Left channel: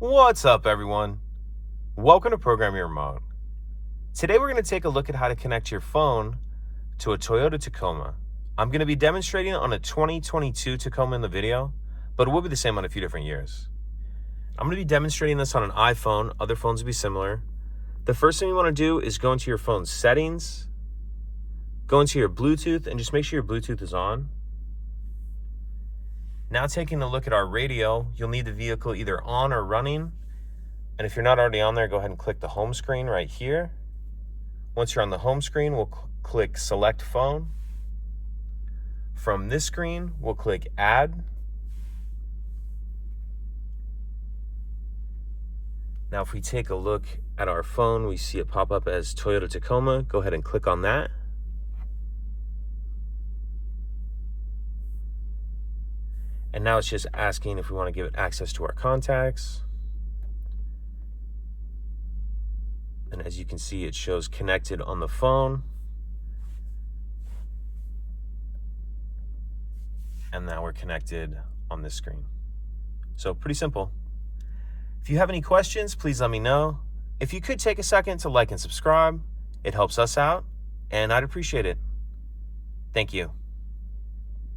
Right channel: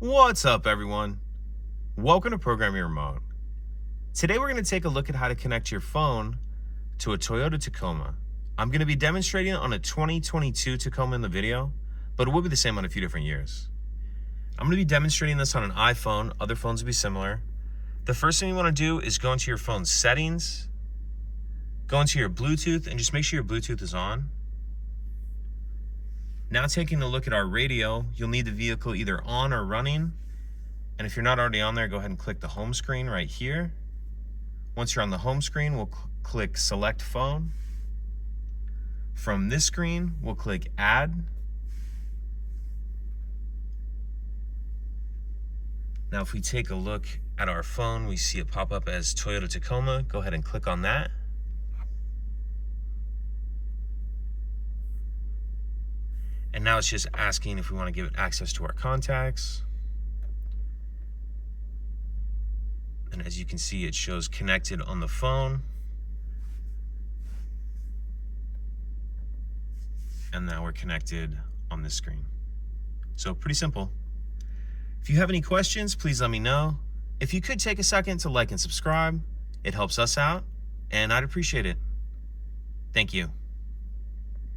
What's up, everyone? Welcome to Program Your Remote. Today we're going to take a look at how to connect your phone to a Toyota Tacoma. I'm going to be demonstrating on a 2022 Tacoma in the video, but it will be the same on a few different years. I'm going to be demonstrating this on an iPhone. Other phones will be similar. The first thing you want to do is go into your phone's settings, go into your Bluetooth, and just make sure your Bluetooth is on. Now taking a look at our radio, you'll need the vehicle either on or running. And if you're not already on there, go ahead and click the home screen right here. Once you're on the home screen, we'll click Select Phone. From this screen, we'll click Add. Now if we take a look at our phone, we see it pop up as Toyota Tacoma. Go ahead and click on that. And now it's just asking if we want to give it access to our contacts. And as you can see, it shows connected on the phone. And now we're connected on this screen. So pretty simple. If you have any questions, please let me know. If you could take a second to like and subscribe, it helps us out, and I'd appreciate it. Thank you.